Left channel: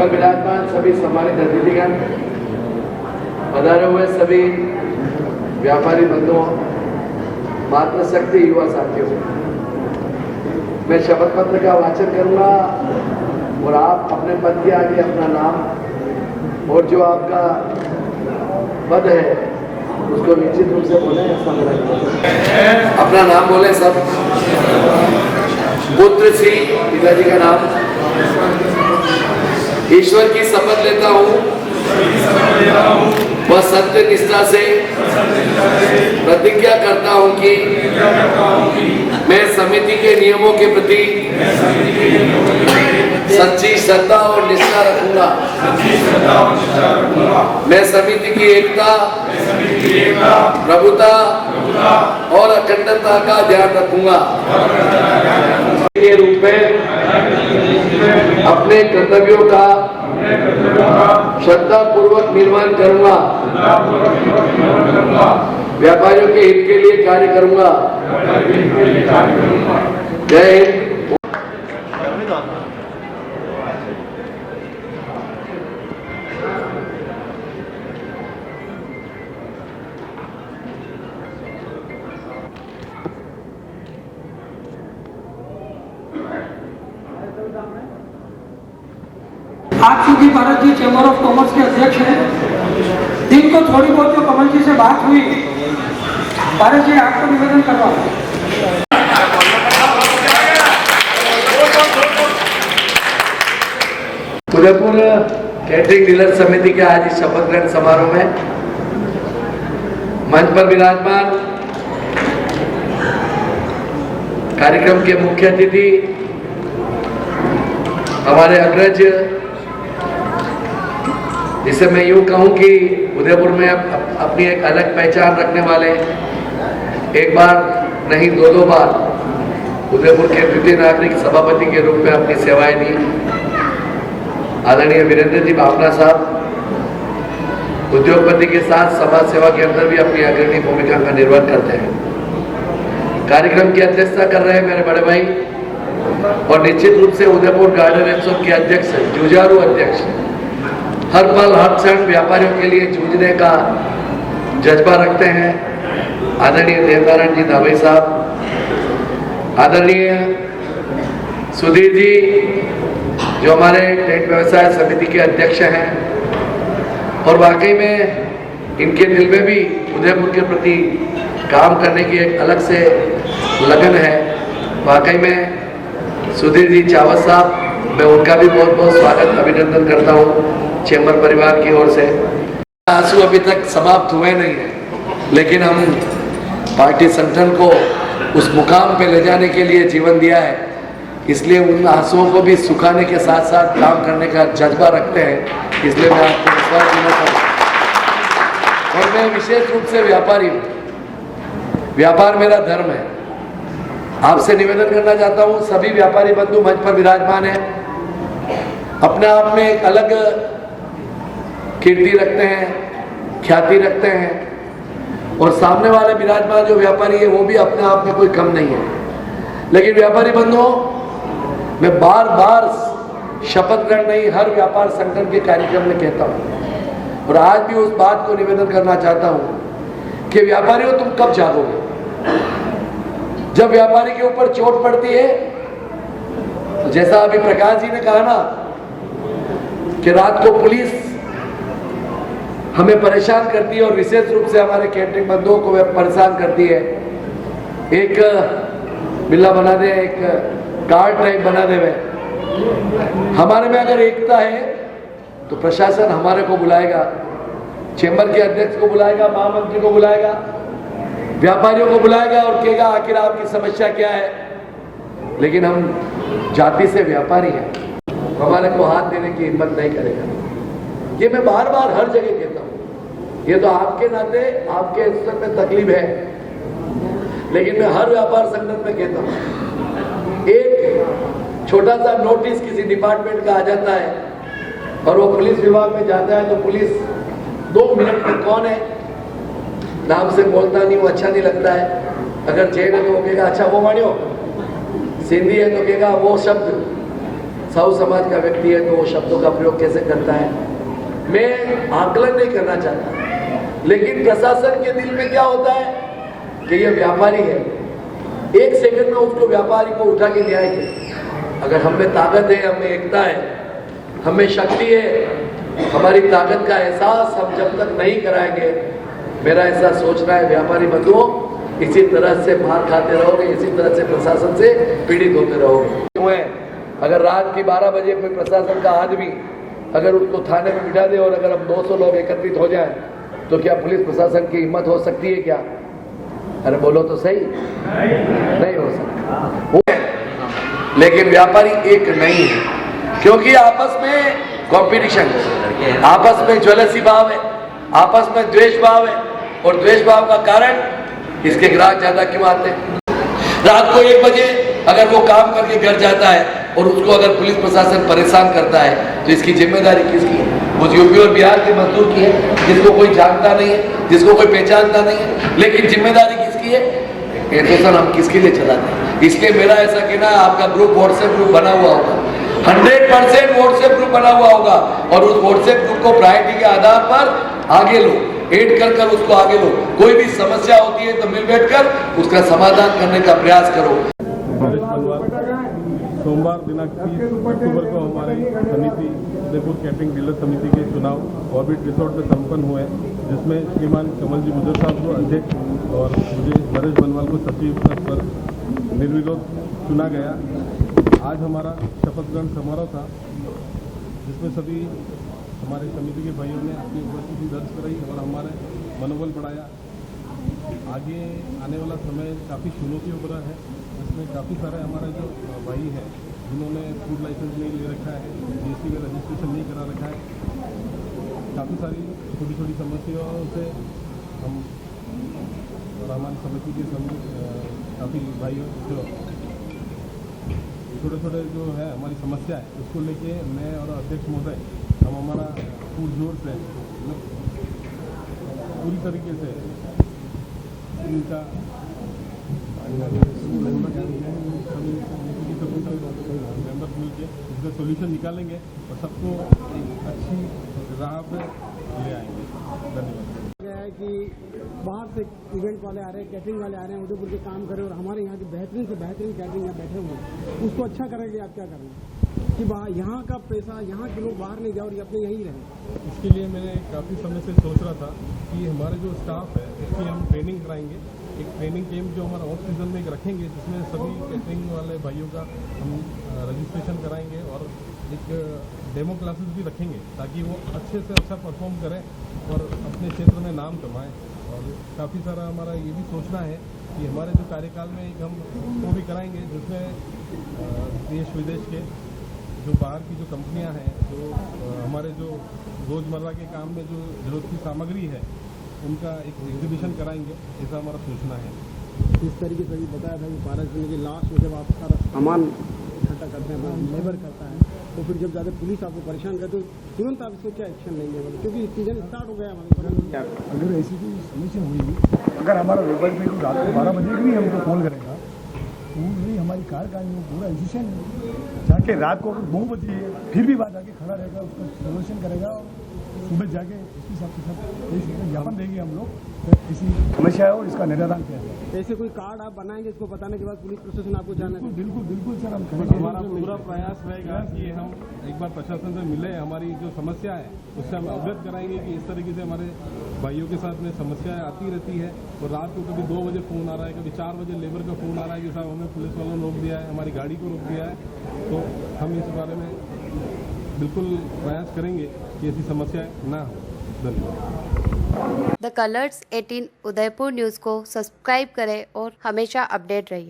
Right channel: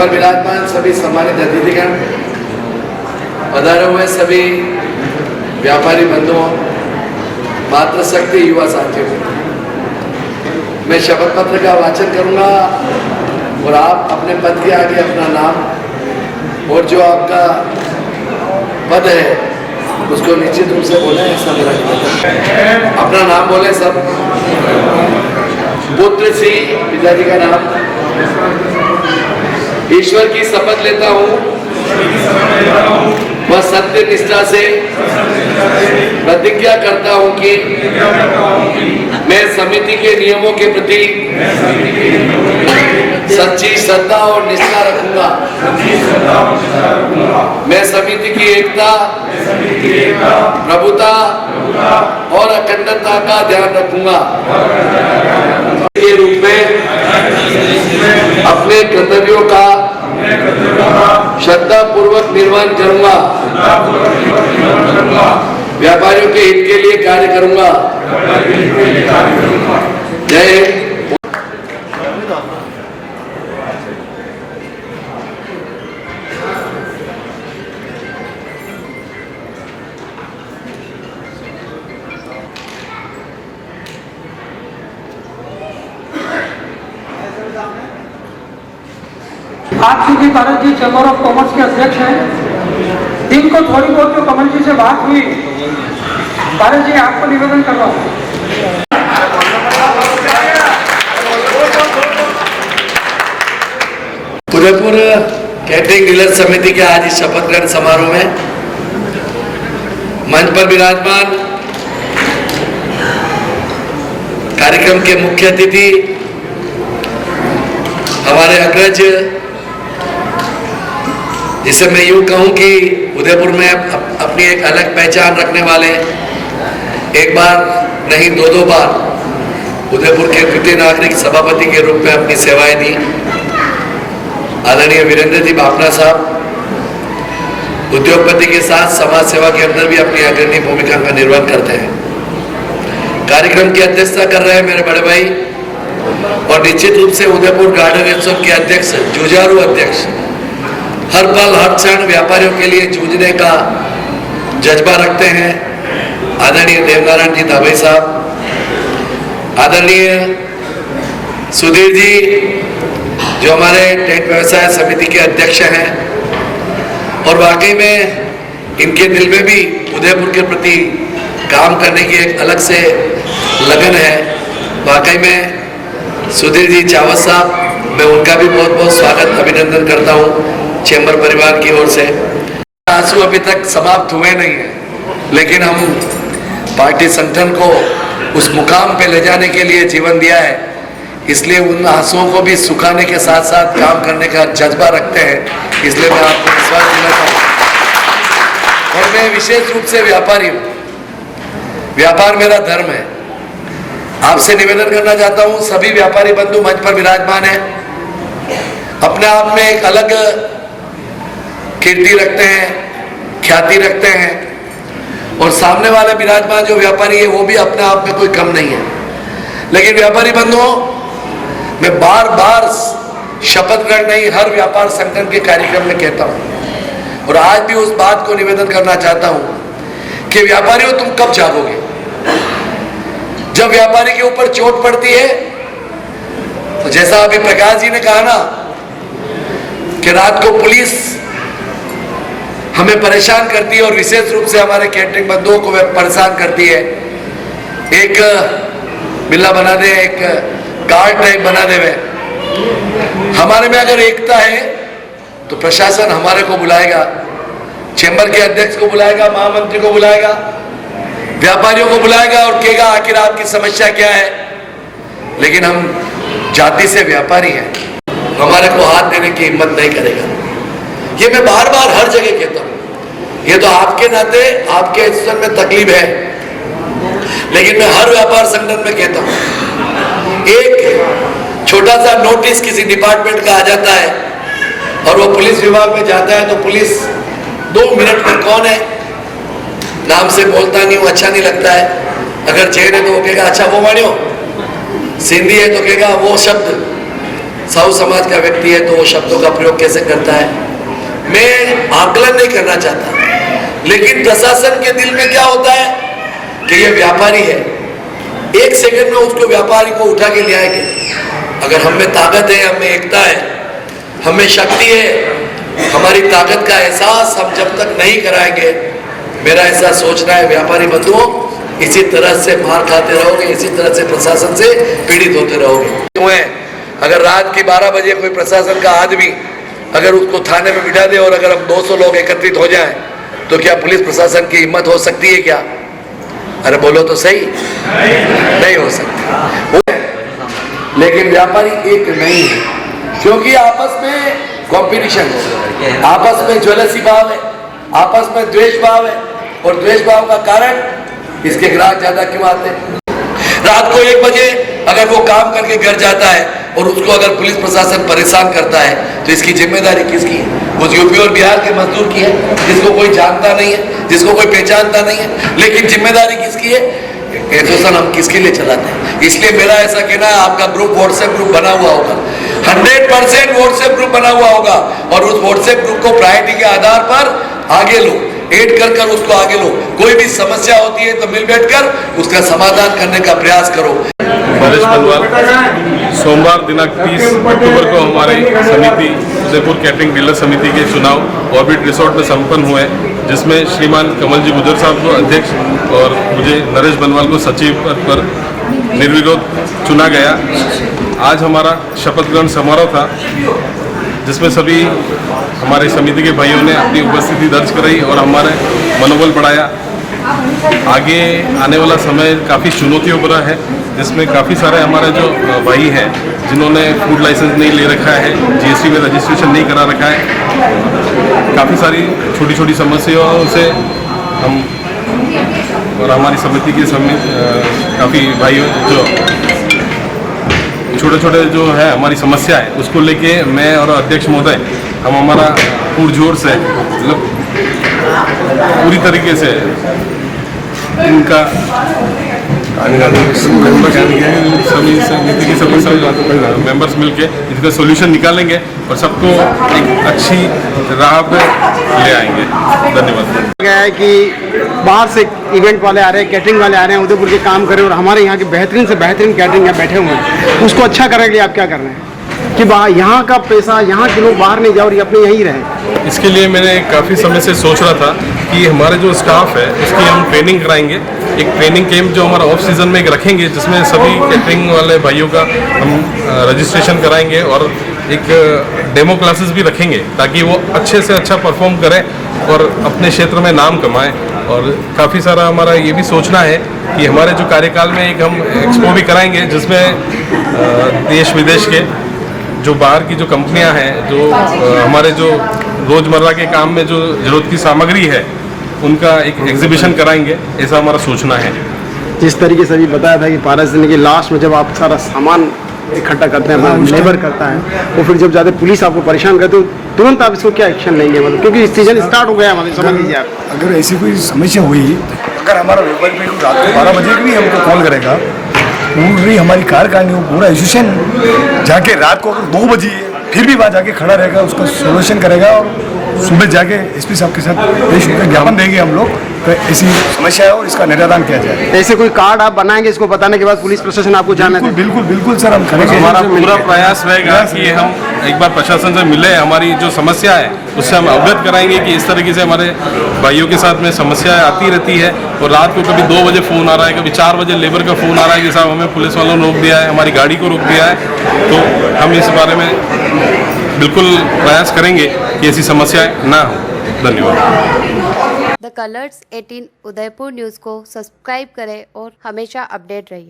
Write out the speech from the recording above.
पर विराजमान सभी सम्मानित अतिथिगण, पधारे हुए सभी व्यापारी बंधुओं, मातृशक्ति युवा साथियों, मैं शपथ पत्र का वाचन करूंगा और आप अपने पद के आगे अपना नाम और जो आपका पद है उसको निश्चित रूप से बोले। ऐसा मेरा निवेदन है। अपना नाम बोले सब। पुत्र श्री पिताजी का नाम। ईश्वर की शपथ लेता हूँ वह सत्य निष्ठा से प्रतिज्ञा करता हूँ कि मैं समिति के नियमों के प्रति सच्ची श्रद्धा और निष्ठा रखूंगा। मैं समिति की एकता, प्रभुता और अखंडता का ध्यान रखूंगा। के रूप में अपने कर्तव्यों का श्रद्धा पूर्वक निर्वहन करूंगा। व्यापारियों के हित के लिए कार्य करूंगा। जय हिंद। आज सुधी भारत जी चैम्बर ऑफ कॉमर्स के अध्यक्ष हैं। इनको थोड़ी बहुत तो कमल जी से बात हुई। भारत जी आपको निवेदन करवा। उदयपुर कैटरिंग डीलर समिति के आज इस शपथ ग्रहण समारोह में मंच पर विराजमान कार्यक्रम के मुख्य अतिथि हमारे अग्रज, जिसे मैं यूं कहूं कि उदयपुर में अपनी एक अलग पहचान रखने वाले, एक बार नहीं दो बार उदयपुर के द्वितीय नागरिक सभापति के रूप में अपनी सेवाएं दी, आदरणीय वीरेंद्र जी बापना साहब उद्योगपति के साथ समाज सेवा के अंदर भी अपनी अग्रणी भूमिका का निर्वहन करते हैं। कार्यक्रम की अध्यक्षता कर रहे हैं मेरे बड़े भाई और निश्चित रूप से उदयपुर गार्डन उत्सव के अध्यक्ष, जुझारू अध्यक्ष, हर पल हर क्षण व्यापारियों के लिए जूझने का जज्बा रखते हैं, आदरणीय देवनारायण जी धाबे साहब, आदरणीय सुधीर जी जो हमारे टेंट व्यवसाय समिति के अध्यक्ष हैं, और वाकई में इनके दिल में भी उदयपुर के प्रति काम करने की एक अलग से लगन है। वाकई में सुधीर जी चावत साहब, मैं उनका भी बहुत बहुत स्वागत अभिनंदन करता हूँ चैम्बर परिवार की ओर से। आंसू अभी तक समाप्त हुए नहीं है, लेकिन हम पार्टी संगठन को उस मुकाम पे ले जाने के लिए जीवन दिया है, इसलिए उन आंसुओं को भी सुखाने के साथ साथ काम करने का जज्बा रखते हैं। इसलिए मैं आपको विश्वास देना चाहता हूँ। और मैं विशेष रूप से व्यापारी हूँ, व्यापार मेरा धर्म है। आपसे निवेदन करना चाहता हूँ, सभी व्यापारी बंधु मंच पर विराजमान हैं, अपने आप में एक अलग कीर्ति रखते हैं, ख्याति रखते हैं, और सामने वाले विराजमान जो व्यापारी है वो भी अपने आप में कोई कम नहीं है। लेकिन व्यापारी बंधुओं, मैं बार बार शपथ ग्रहण नहीं, हर व्यापार संगठन के कार्यक्रम में कहता हूँ, और आज भी उस बात को निवेदन करना चाहता हूँ कि व्यापारियों, तुम कब जागोगे? जब व्यापारी के ऊपर चोट पड़ती है, तो जैसा अभी प्रकाश जी ने कहा ना कि रात को पुलिस हमें परेशान करती है, और विशेष रूप से हमारे कैटरिंग बंधुओं को परेशान करती है। एक बिल्ला बना दे, एक गार्ड टाइप बना दे। हमारे में अगर एकता है तो प्रशासन हमारे को बुलाएगा, चैम्बर के अध्यक्ष को बुलाएगा, महामंत्री को बुलाएगा, व्यापारियों को बुलाएगा और कहेगा आखिर आपकी समस्या क्या है। लेकिन हम जाति से व्यापारी हैं, हमारे को हाथ देने की हिम्मत नहीं करेगा। ये मैं बार बार हर जगह कहता हूँ। ये तो आपके नाते आपके स्तर में तकलीफ है, लेकिन मैं हर व्यापार संगठन में कहता हूँ, एक छोटा सा नोटिस किसी डिपार्टमेंट का आ जाता है और वो पुलिस विभाग में जाता है, तो पुलिस 2 मिनट में कौन है, नाम से बोलता नहीं हूँ, अच्छा नहीं लगता है। अगर जैन है तो वो कहेगा अच्छा वो मानियो, सिंधी है तो कहेगा वो शब्द, साहू समाज का व्यक्ति है तो वो शब्दों का प्रयोग कैसे करता है, मैं आकलन नहीं करना चाहता, लेकिन प्रशासन के दिल में क्या होता है कि ये व्यापारी है, एक सेकंड में उसको व्यापारी को उठा के ले आएंगे। अगर हम में ताकत है, हम में एकता है, हम में शक्ति है, हमारी ताकत का एहसास हम जब तक नहीं कराएंगे, मेरा ऐसा सोचना है व्यापारी बंधुओं, इसी तरह से मार खाते रहोगे, इसी तरह से प्रशासन से पीड़ित होते रहोगे। अगर रात के 12 बजे कोई प्रशासन का आदमी अगर उसको थाने में बिठा दे और अगर हम 200 लोग एकत्रित हो जाएं, तो क्या पुलिस प्रशासन की हिम्मत हो सकती है क्या? अरे बोलो तो सही, नहीं हो सकती। लेकिन व्यापारी एक नहीं है, क्योंकि आपस में कंपटीशन है, आपस में ज्वलसी भाव है, आपस में द्वेष भाव है, और द्वेष भाव का कारण इसके ग्राहक ज्यादा क्यों आते हैं? रात को 1 बजे अगर वो काम करके घर जाता है और उसको अगर पुलिस प्रशासन परेशान करता है, तो इसकी जिम्मेदारी किसकी है? वो यूपी और बिहार के मजदूर की है, जिसको कोई जानता नहीं है, जिसको कोई पहचानता नहीं है, लेकिन जिम्मेदारी किसकी है? एसोसिएशन हम किसके लिए चलाते हैं? इसलिए मेरा ऐसा कहना है, आपका ग्रुप व्हाट्सएप ग्रुप बना हुआ होगा, 100% व्हाट्सएप ग्रुप बना हुआ होगा, और उस व्हाट्सएप ग्रुप को प्रायोरिटी के आधार पर आगे लो, ऐड कर उसको आगे लो। कोई भी समस्या होती है तो मिल बैठकर उसका समाधान करने का प्रयास करो। नरेश बनवाल, सोमवार दिनांक 30 अक्टूबर को हमारी समिति उदयपुर कैटरिंग डीलर समिति के चुनाव ऑर्बिट रिसोर्ट में संपन्न हुए, जिसमें श्रीमान कमल जी गुजर साहब को अध्यक्ष और मुझे नरेश बनवाल को सचिव पद पर निर्विरोध चुना गया। आज हमारा शपथ ग्रहण समारोह था, जिसमें सभी हमारे समिति के भाइयों ने अपनी उपस्थिति दर्ज कराई और हमारे मनोबल बढ़ाया। आगे आने वाला समय काफ़ी चुनौतियों भरा है, जिसमें काफ़ी सारे हमारे जो भाई हैं जिन्होंने फूड लाइसेंस नहीं ले रखा है, जीएसटी में रजिस्ट्रेशन नहीं करा रखा है, काफ़ी सारी छोटी छोटी समस्याओं से हम और हमारी समिति के काफ़ी भाइयों जो छोटे छोटे जो है हमारी समस्या है, उसको लेके मैं और अध्यक्ष महोदय हम हमारा पुरजोर से मतलब पूरी तरीके से इनका सभी समिति के सभी मेंबर्स मिलके इसका सॉल्यूशन निकालेंगे और सबको एक अच्छी राह पे ले आएंगे। धन्यवाद। क्या है कि बाहर से इवेंट वाले आ रहे हैं, कैटरिंग वाले आ रहे हैं, उदयपुर के काम कर रहे हैं और हमारे यहाँ के बेहतरीन से बेहतरीन कैटरिंग यहाँ बैठे हुए हैं, उसको अच्छा करने के लिए आप क्या कर रहे हैं कि बाहर यहाँ का पैसा, यहाँ के लोग बाहर नहीं जाओ और ये अपने यहीं रहें? इसके लिए मैंने काफ़ी समय से सोच रहा था कि हमारे जो स्टाफ है उसकी हम ट्रेनिंग कराएंगे, एक ट्रेनिंग कैंप जो हमारा ऑफ सीज़न में एक रखेंगे, जिसमें सभी कैटरिंग वाले भाइयों का हम रजिस्ट्रेशन कराएंगे और एक डेमो क्लासेस भी रखेंगे, ताकि वो अच्छे से अच्छा परफॉर्म करें और अपने क्षेत्र में नाम कमाएं। और काफ़ी सारा हमारा ये भी सोचना है कि हमारे जो कार्यकाल में एक हम एक्सपो भी कराएंगे, जिसमें देश विदेश के जो बाहर की जो कंपनियां हैं, जो हमारे जो रोज़मर्रा के काम में जो ज़रूरत की सामग्री है, उनका एक एग्जीबिशन कराएंगे, ऐसा हमारा सोचना है। जिस तरीके से अभी बताया था कि पारस दिन के लास्ट में जब आप सारा सामान इकट्ठा करते हैं, लेबर करता है, वो फिर जब ज़्यादा पुलिस आपको परेशान करते हो, तुरंत आप इसको क्या एक्शन लेंगे? मतलब क्योंकि सीजन स्टार्ट हो गया, मतलब समझ लीजिए आप। अगर ऐसी कोई समस्या हुई, अगर हमारा व्यापारी भाई रात को 12 बजे भी हमको कॉल करेगा, पूरी हमारी कार्यकारिणी हो, पूरा एसोसिएशन जाके रात को अगर 2 बजे फिर भी वहाँ जाके खड़ा रहेगा, उसका सोल्यूशन करेगा और सुबह जाके एसपी साहब के साथ पेश होकर ज्ञापन देंगे हम लोग तो ऐसी समस्या है और इसका निराकरण किया जाए। ऐसे कोई कार्ड आप बनाएंगे, इसको बताने के बाद पुलिस प्रशासन आपको जाना है? बिल्कुल बिल्कुल सर, हम करेंगे। हमारा पूरा प्रयास रहेगा कि हम एक बार प्रशासन से मिले, हमारी जो समस्या है उससे हम अवगत कराएंगे कि इस तरीके से हमारे भाइयों के साथ में समस्याएं आती रहती है, और रात को कभी 2 बजे फ़ोन आ रहा है, कभी 4 बजे लेबर का फ़ोन आ रहा है कि साहब हमें पुलिस वालों ने रोक दिया है, हमारी गाड़ी को रोक दिया है। तो हम इस बारे में बिल्कुल प्रयास करेंगे कि ऐसी समस्याएं ना हो। धन्यवाद। द कलर्स 18 उदयपुर न्यूज़ को सब्सक्राइब करें और हमेशा अपडेट रहिए।